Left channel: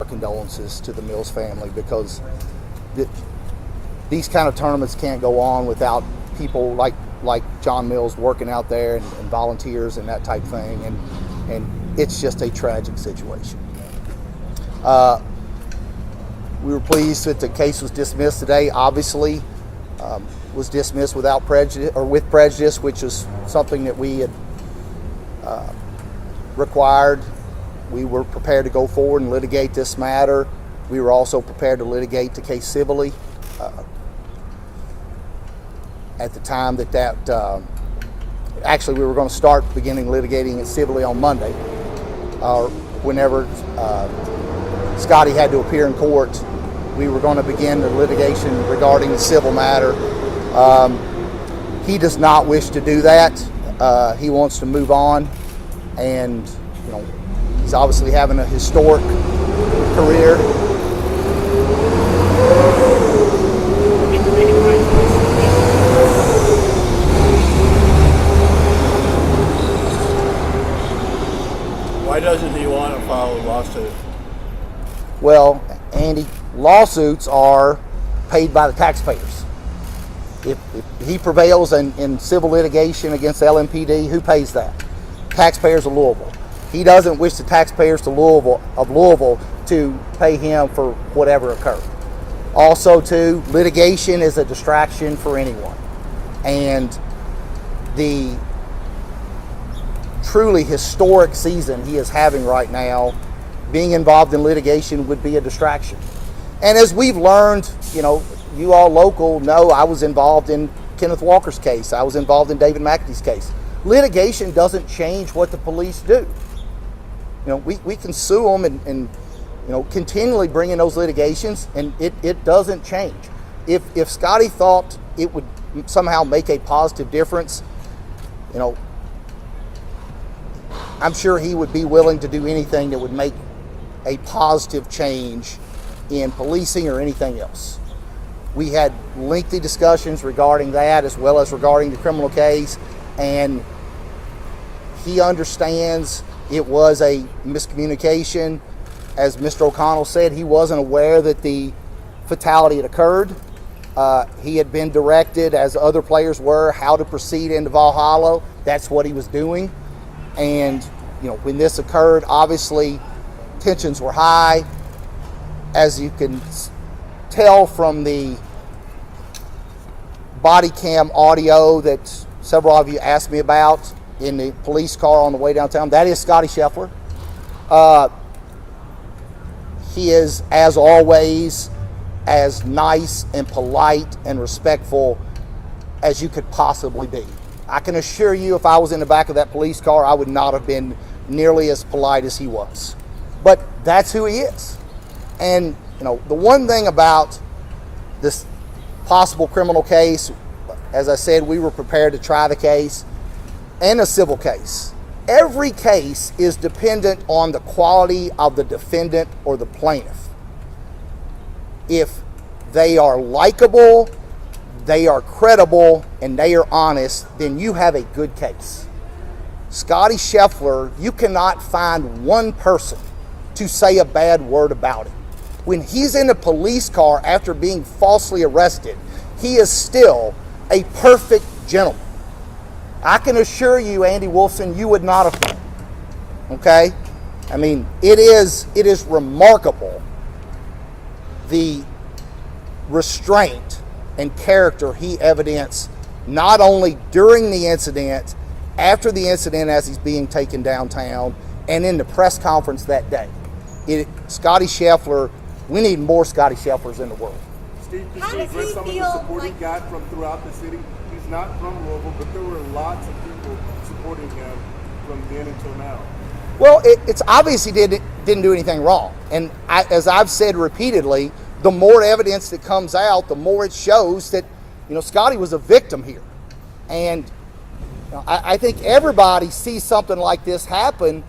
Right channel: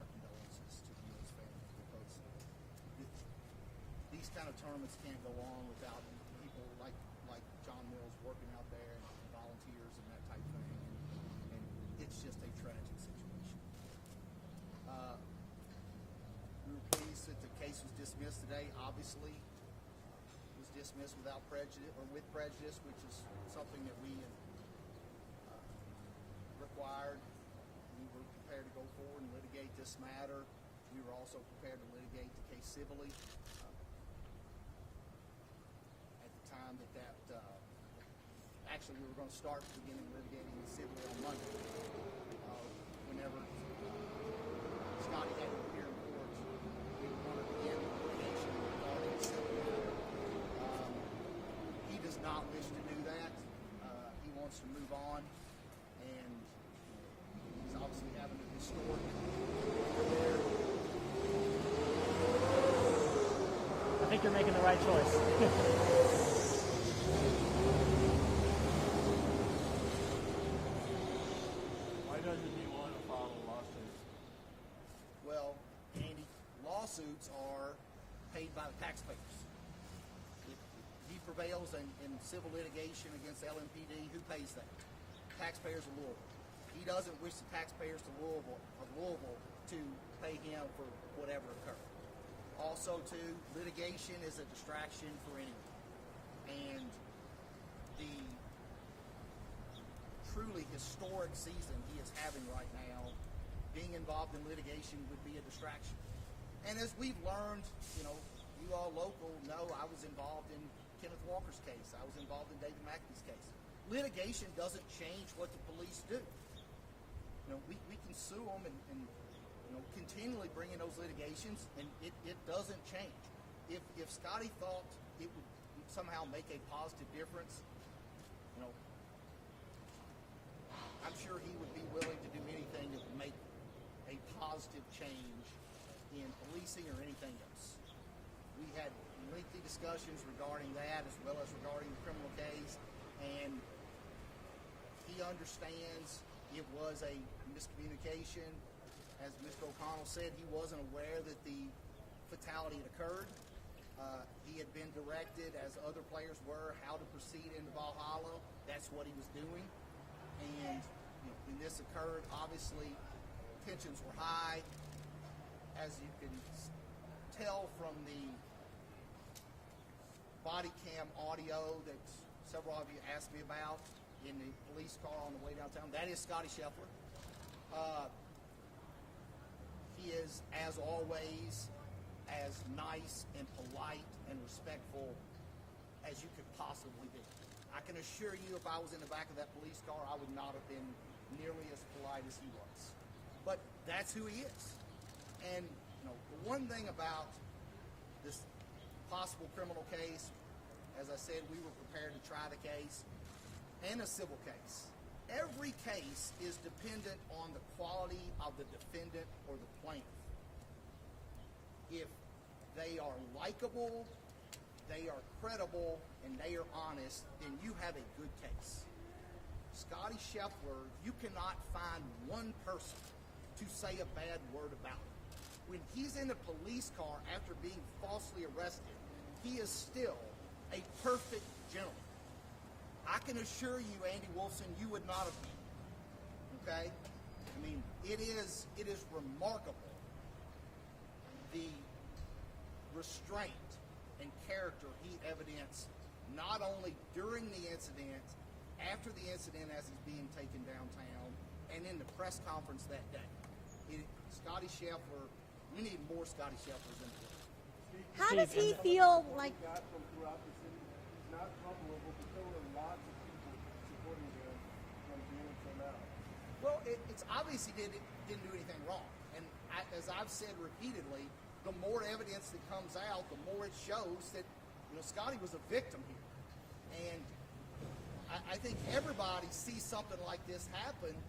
our condolences to the Mills family, because these kind of tournaments can't go on without people like John Mills working out there, and volunteers and that type thing, and it's just a tragic situation. We were pleased that the case was dismissed today. Obviously, was dismissed without prejudice, or with prejudice, which is something that we had required. We were prepared to go forward and litigate this matter. We were also prepared to litigate the case civilly. At the time actually we were going to start beginning litigating it civilly on Monday, whenever Scottie had to appear in court. We were going to begin the litigation regarding the civil matter. He does not wish to do that. He wants to move on, and he's obviously having a historic career. Why doesn't he want to file a lawsuit? Well, Andy, lawsuits are paid by the taxpayers. If he prevails in civil litigation against LMPD, who pays that? Taxpayers of Louisville. He doesn't wish the taxpayers of Louisville to pay him for whatever occurred. Also, too, litigation is a distraction for anyone. And the truly historic season he is having right now, being involved in litigation would be a distraction. And as we've learned, you all local know, I was involved in Kenneth Walker's case. I was involved in David McAtee's case. Litigation doesn't change what the police do. We can sue them and continually bring in those litigations, and it doesn't change. If Scottie thought it would somehow make a positive difference, I'm sure he would be willing to do anything that would make a positive change in policing or anything else. We had lengthy discussions regarding that, as well as regarding the criminal case, and he understands it was a miscommunication. As Mr. O'Connell said, he wasn't aware that the fatality had occurred. He had been directed, as other players were, how to proceed into Valhalla. That's what he was doing. And when this occurred, obviously tensions were high. As you can tell from the body cam audio that several of you asked me about in the police car on the way downtown, that is Scottie Scheffler. He is, as always, as nice and polite and respectful as you could possibly be. I can assure you, if I was in the back of that police car, I would not have been nearly as polite as he was. But that's who he is. And the one thing about this possible criminal case, as I said, we were prepared to try the case, and a civil case. Every case is dependent on the quality of the defendant or the plaintiff. If they are likable, they are credible, and they are honest, then you have a good case. Scottie Scheffler, you cannot find one person to say a bad word about him. When he's in a police car after being falsely arrested, he is still a perfect gentleman. I can assure you, Andy Wolfson, you would not have been. Okay? I mean, it is remarkable the restraint and character he evidenced, not only during the incident, after the incident as he's being taken downtown, and in the press conference that day. Scottie Scheffler, we need more Scottie Schefflers in the world. Steve, some of the support he got from throughout the city? He's not from Louisville, but there were lots of people supporting him from then until now. Well, it's obvious he didn't do anything wrong. And as I've said repeatedly, the more evidence that comes out, the more it shows that, Scottie was a victim here. And I think everybody sees something like this happen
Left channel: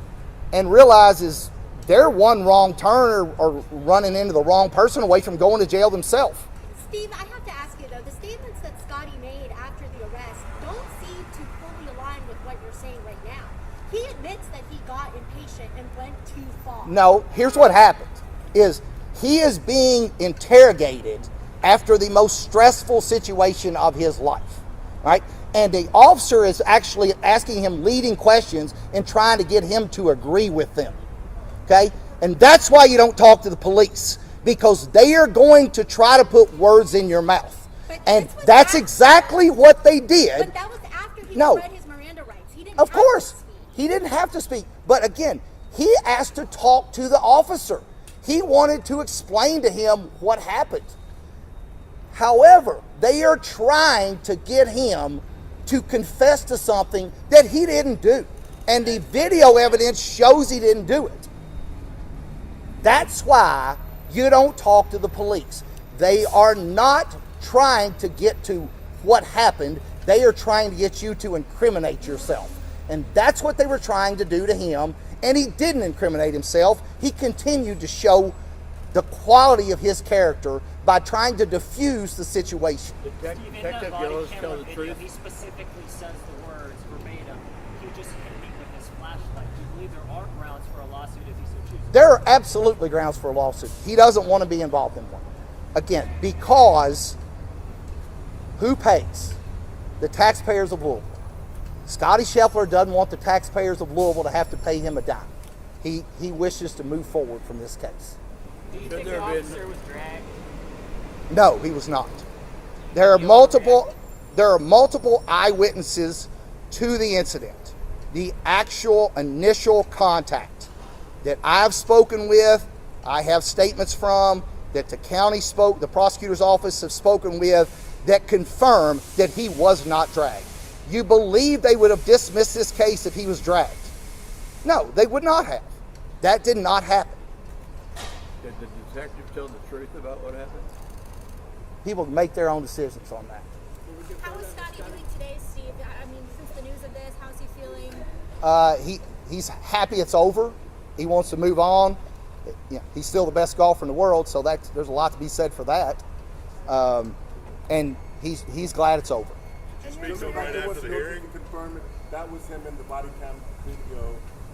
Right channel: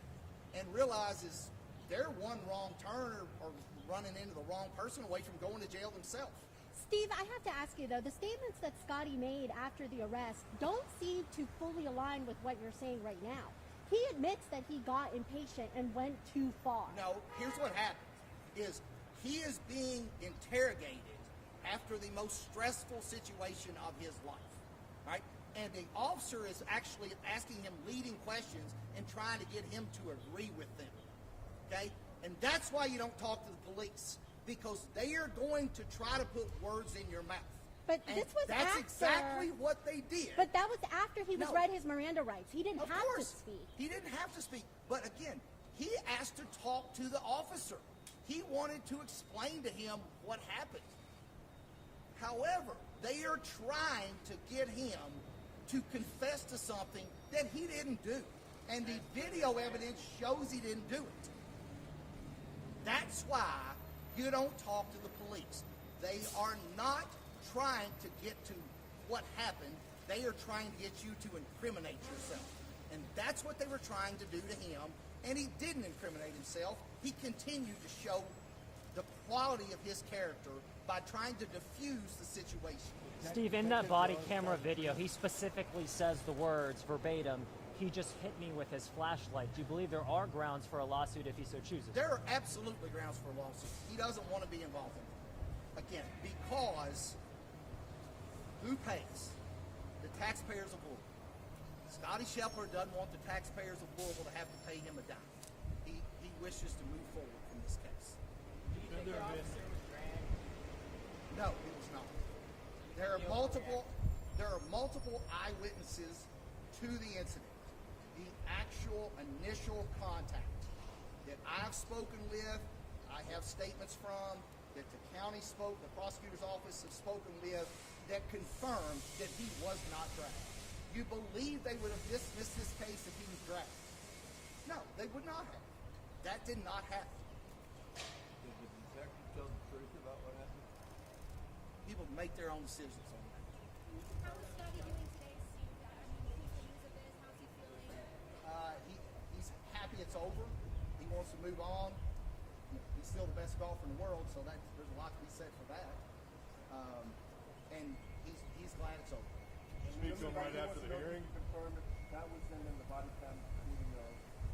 and realizes they're one wrong turn or running into the wrong person away from going to jail themselves. Steve, I have to ask you, though, the statements that Scottie made after the arrest don't seem to fully align with what you're saying right now. He admits that he got impatient and went too far. No, here's what happened. is he is being interrogated after the most stressful situation of his life, right? And the officer is actually asking him leading questions and trying to get him to agree with them, okay? And that's why you don't talk to the police, because they are going to try to put words in your mouth. But And this was that's after- exactly what they did. But that was after he No. read his Miranda rights. He didn't Of have to course, speak. he didn't have to speak. But again, he asked to talk to the officer. He wanted to explain to him what happened. However, they are trying to get him to confess to something that he didn't do. And the video evidence shows he didn't do it. That's why you don't talk to the police. They are not trying to get to what happened. They are trying to get you to incriminate yourself. And that's what they were trying to do to him. And he didn't incriminate himself. He continued to show the quality of his character by trying to diffuse the situation. Steve, in that Detective body Gillis camera tell the video, truth? he specifically says the words verbatim, he just hit me with his flashlight. Do you believe there are grounds for a lawsuit if he so chooses? There are absolutely grounds for a lawsuit. He doesn't want to be involved in one. Again, because who pays? The taxpayers of Louisville. Scottie Scheffler doesn't want the taxpayers of Louisville to have to pay him a dime. He wishes to move forward from this case. Do you Should think the there be- officer was dragged? No, he was not. There are multiple eyewitnesses to the incident. The actual initial contact that I've spoken with, I have statements from, that the prosecutor's office have spoken with, that confirm that he was not dragged. You believe they would have dismissed this case if he was dragged? No, they would not have. That did not happen. Did the detective tell the truth about what happened? People make their own decisions on that. How is Scotty doing today, Steve? I mean, since the news of this, how's he feeling? He's happy it's over. He wants to move on. You know, he's still the best golfer in the world, so there's a lot to be said for that. And he's glad it's over. There was no hearing. Confirm that was him in the body cam video.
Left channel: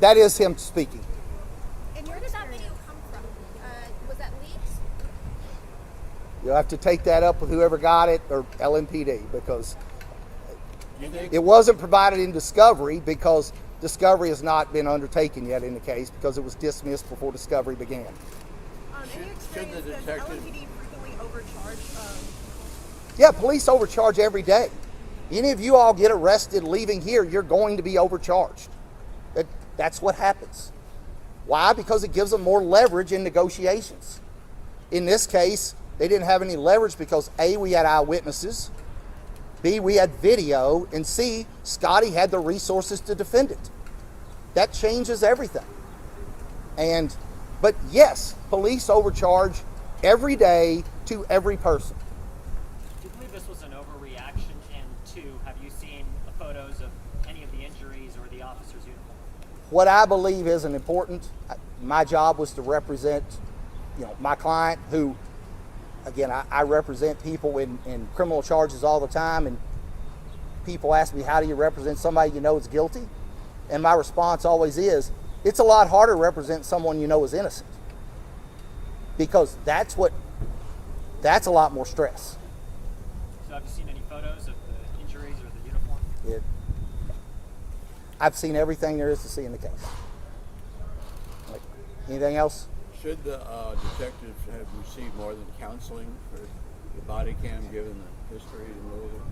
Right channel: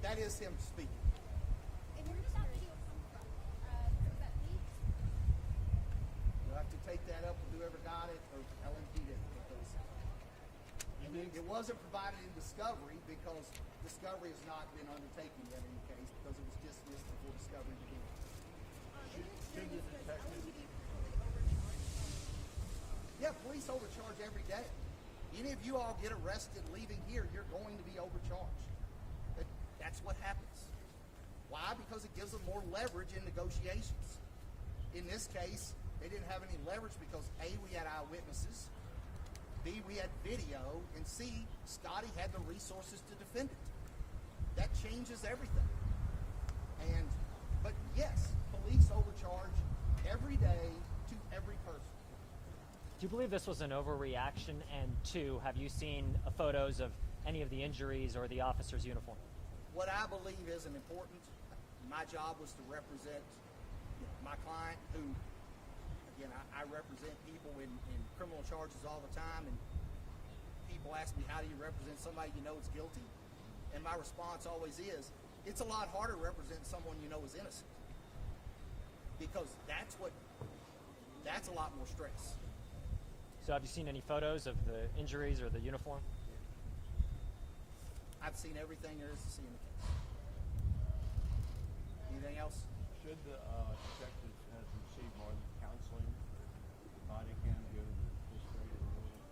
That is him speaking. And where did that video come from? Was that leaked? You'll have to take that up with whoever got it or LMPD, because You think it wasn't provided in discovery, because discovery has not been undertaken yet in the case, because it was dismissed before discovery began. In your should the experience, does detective- LAPD frequently overcharge? Yeah, police overcharge every day. Any of you all get arrested leaving here, you're going to be overcharged. That's what happens. Why? Because it gives them more leverage in negotiations. In this case, they didn't have any leverage because A, we had eyewitnesses, B, we had video, and C, Scottie had the resources to defend it. That changes everything. But yes, police overcharge every day to every person. Do you believe this was an overreaction? And two, have you seen photos of any of the injuries or the officer's uniform? What I believe isn't important. My job was to represent, my client, who, again, I represent people in criminal charges all the time, and people ask me, how do you represent somebody you know is guilty? And my response always is, it's a lot harder to represent someone you know is innocent, because that's a lot more stress. So have you seen any photos of the injuries or the uniform? I've seen everything there is to see in the case. Anything else? should the detectives have received more than counseling for the body cam, given the history in Louisville?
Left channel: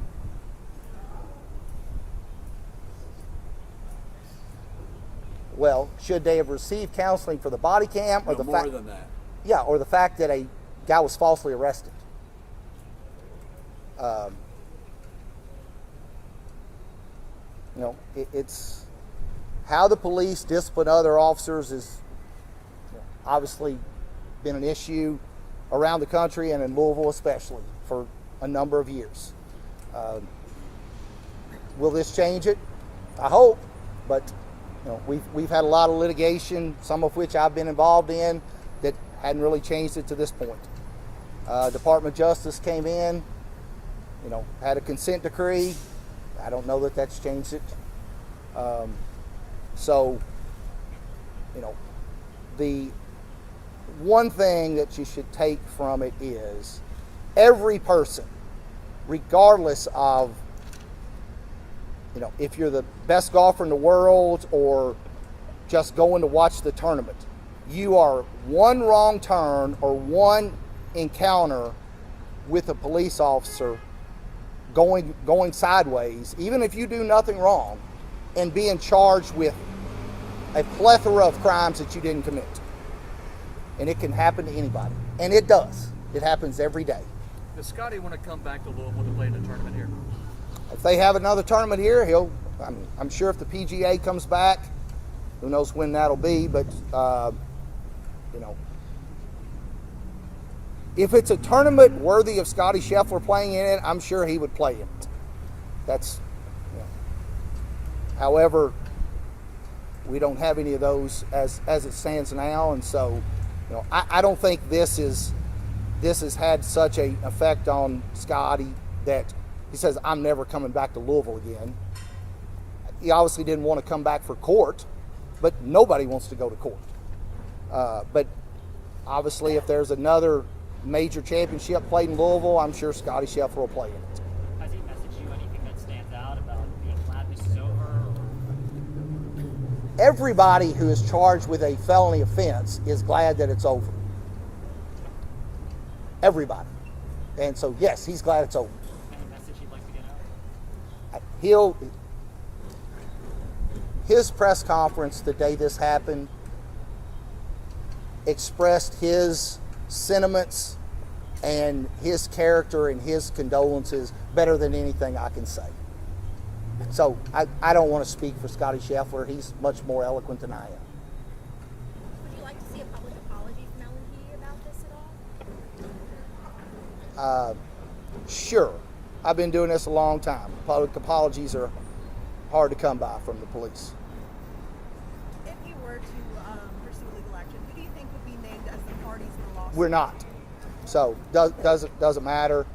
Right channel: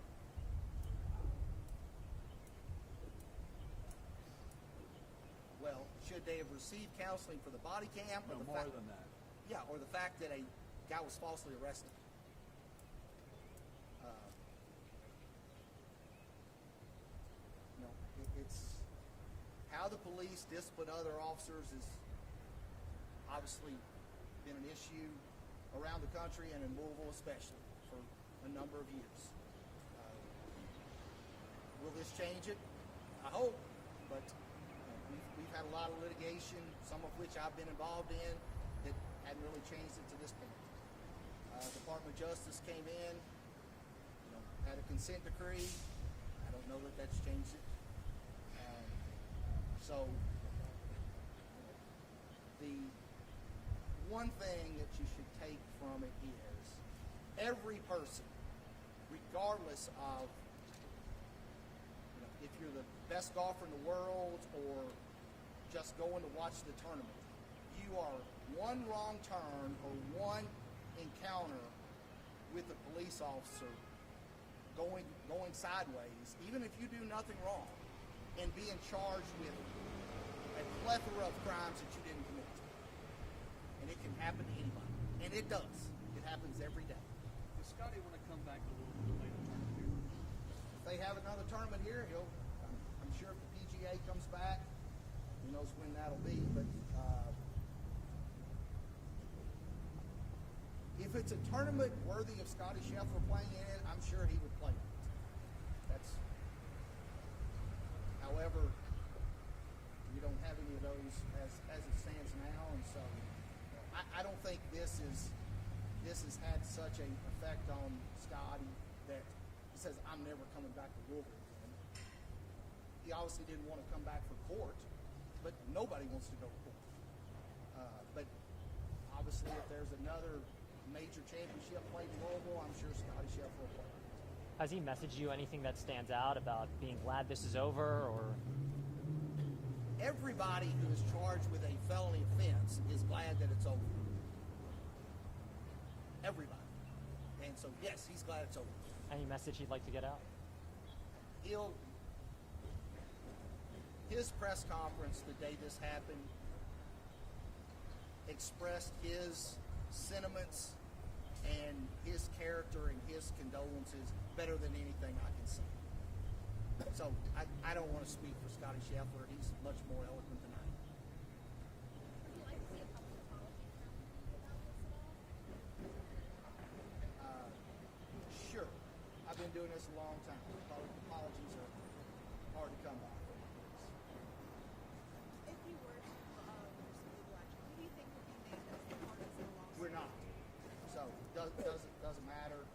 Well, should they have received counseling for the body cam, or No, the more fact? than that. Yeah, or the fact that a guy was falsely arrested. It's how the police discipline other officers is obviously been an issue around the country and in Louisville especially for a number of years. Will this change it? I hope, but we've had a lot of litigation, some of which I've been involved in, that hadn't really changed it to this point. Department of Justice came in, had a consent decree. I don't know that that's changed it. one thing that you should take from it is every person, regardless of, if you're the best golfer in the world or just going to watch the tournament, you are one wrong turn or one encounter with a police officer going sideways, even if you do nothing wrong, and being charged with a plethora of crimes that you didn't commit. And it can happen to anybody. And it does. It happens every day. Does Scottie want to come back to Louisville to play in a tournament here? If they have another tournament here, I'm sure if the PGA comes back, who knows when that'll be, but if it's a tournament worthy of Scottie Scheffler playing in it, I'm sure he would play in it. That's, however, we don't have any of those as it stands now, and so, I don't think this has had such an effect on Scottie that he says, I'm never coming back to Louisville again. He obviously didn't want to come back for court, but nobody wants to go to court. But obviously, if there's another major championship played in Louisville, I'm sure Scottie Scheffler will play in it. Has he messaged you anything that stands out about being glad this is over? Or? Everybody who is charged with a felony offense is glad that it's over. Everybody. And so, yes, he's glad it's over. Any message he'd like to get out? His press conference the day this happened expressed his sentiments and his character and his condolences better than anything I can say. So I don't want to speak for Scottie Scheffler. He's much more eloquent than I am. Would you like to see a public apology from L&P about this at all? Sure. I've been doing this a long time. Public apologies are hard to come by from the police. If you were to pursue legal action, who do you think would be named as the parties in the lawsuit? We're not. So doesn't matter.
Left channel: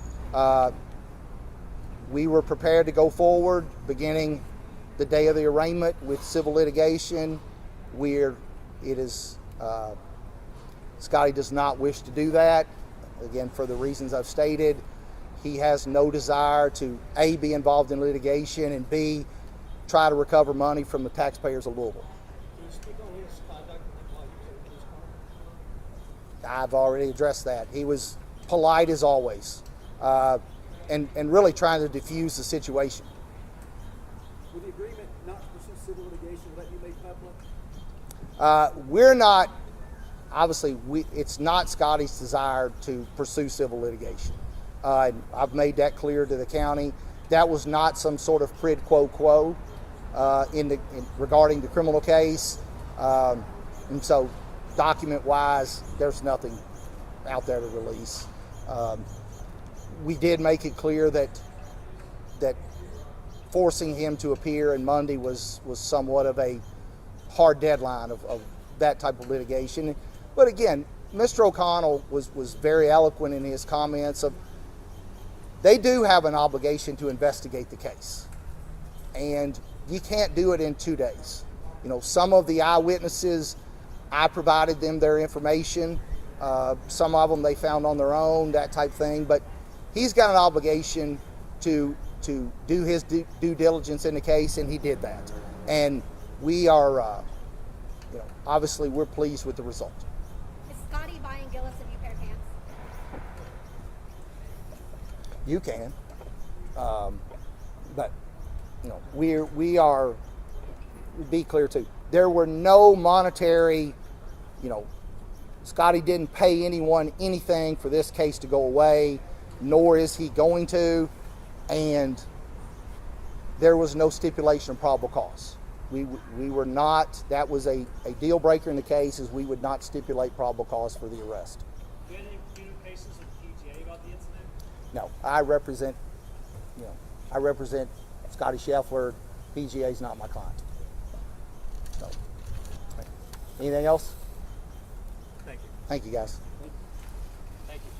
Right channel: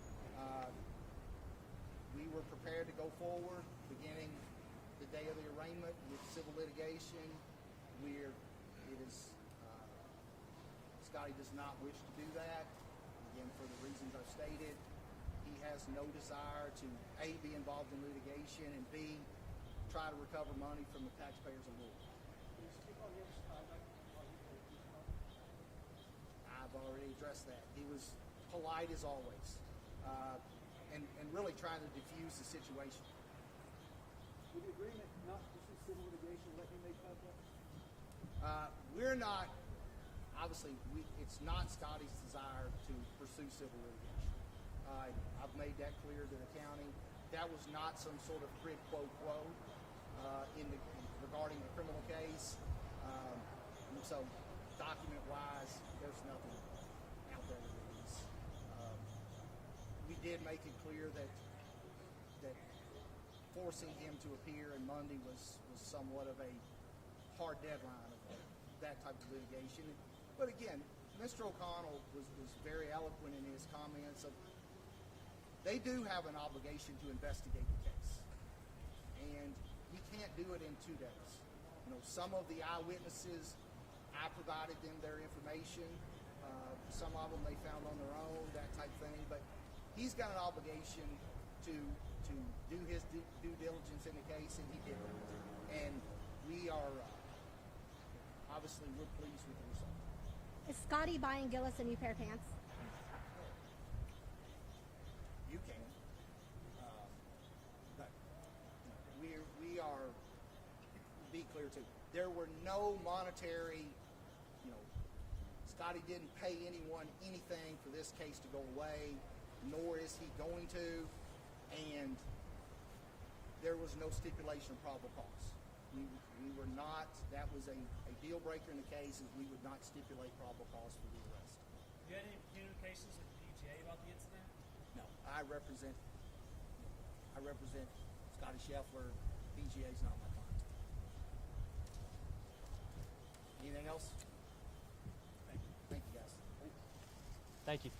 We were prepared to go forward beginning the day of the arraignment with civil litigation. Scottie does not wish to do that. Again, for the reasons I've stated, he has no desire to A, be involved in litigation, and B, try to recover money from the taxpayers of Louisville. Can you speak on his conduct while he was in his car? I've already addressed that. He was polite as always, and really trying to diffuse the situation. With the agreement not to pursue civil litigation, will that be made public? We're not, obviously, it's not Scottie's desire to pursue civil litigation. I've made that clear to the county. That was not some sort of quid pro quo regarding the criminal case. And so, document-wise, there's nothing out there to release. We did make it clear that forcing him to appear in Monday was somewhat of a hard deadline of that type of litigation. But again, Mr. O'Connell was very eloquent in his comments of they do have an obligation to investigate the case. And you can't do it in 2 days. Some of the eyewitnesses, I provided them their information. Some of them they found on their own, that type thing. But he's got an obligation to do his due diligence in the case, and he did that. And we are, obviously we're pleased with the result. Is Scottie buying Gillis a new pair of pants? You can, but we are. Be clear too. There were no monetary. Scottie didn't pay anyone anything for this case to go away, nor is he going to, and there was no stipulation of probable cause. We were not. That was a deal breaker in the case, is we would not stipulate probable cause for the arrest. Do you have any communications with PGA about the incident? No, I represent Scottie Scheffler. PGA is not my client. So, anything else? Thank you. Thank you, guys. Thank you.